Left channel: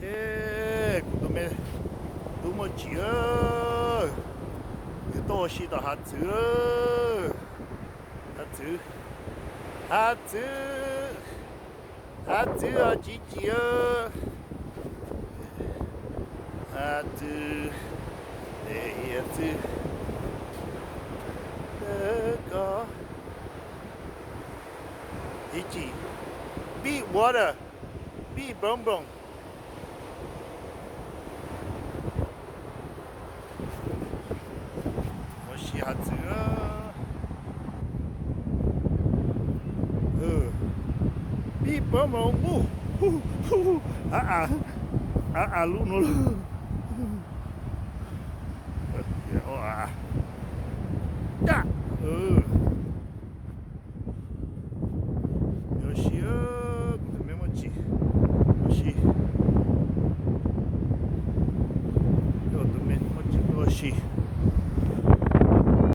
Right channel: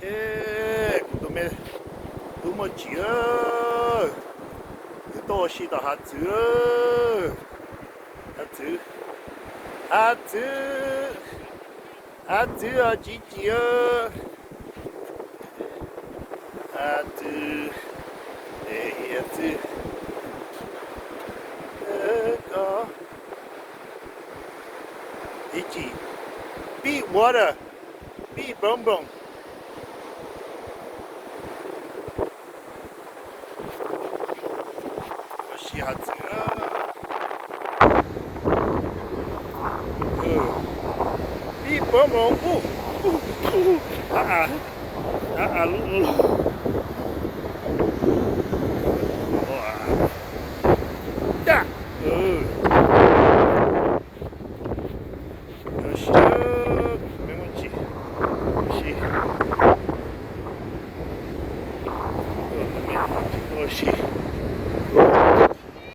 그다음에 두머지요. 또 시다 하트. 하트. 하트. 하트 어지지요. 하트. 네, 하트. 거. Itchy. Beat water. Beat bum bum. She had to. Beat bum bum. Yeah. Oxi.